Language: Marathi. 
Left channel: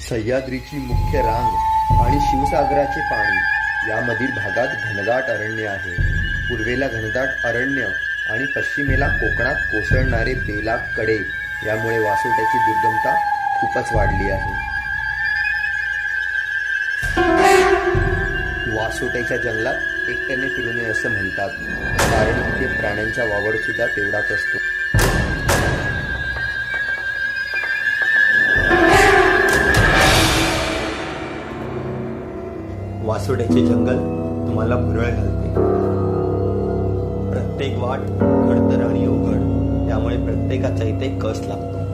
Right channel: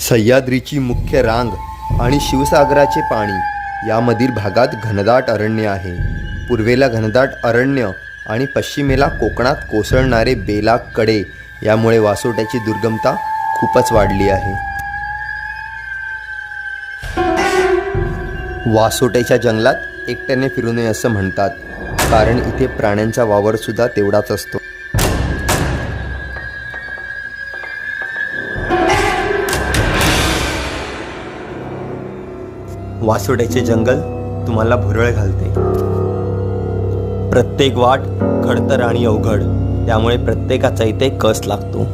सह्याद्रीची मुख्य रांग आणि शिवसागराचे पाणी यामधील भागात घनदाट अरण्य आहे. पूर्वेला घनदाट अरण्य आणि पश्चिमेला कोकणात कोसळणारे बेलाग कडे यामुळे वासोट्याची दुर्गमता खूपच वाढली आहे. वासोट्याच्या जंगलात एकट्याने फिरू नये असं म्हणतात, कारण इथे प्राण्यांचा वावर सुद्धा तेवढाच असतो. वासोट्याचे जंगल तुम्हाला भुरळ घालते. प्रत्येक वाट खडतर आणि अवघड, त्यामुळे प्रत्येकाचा इथे कस लागतो.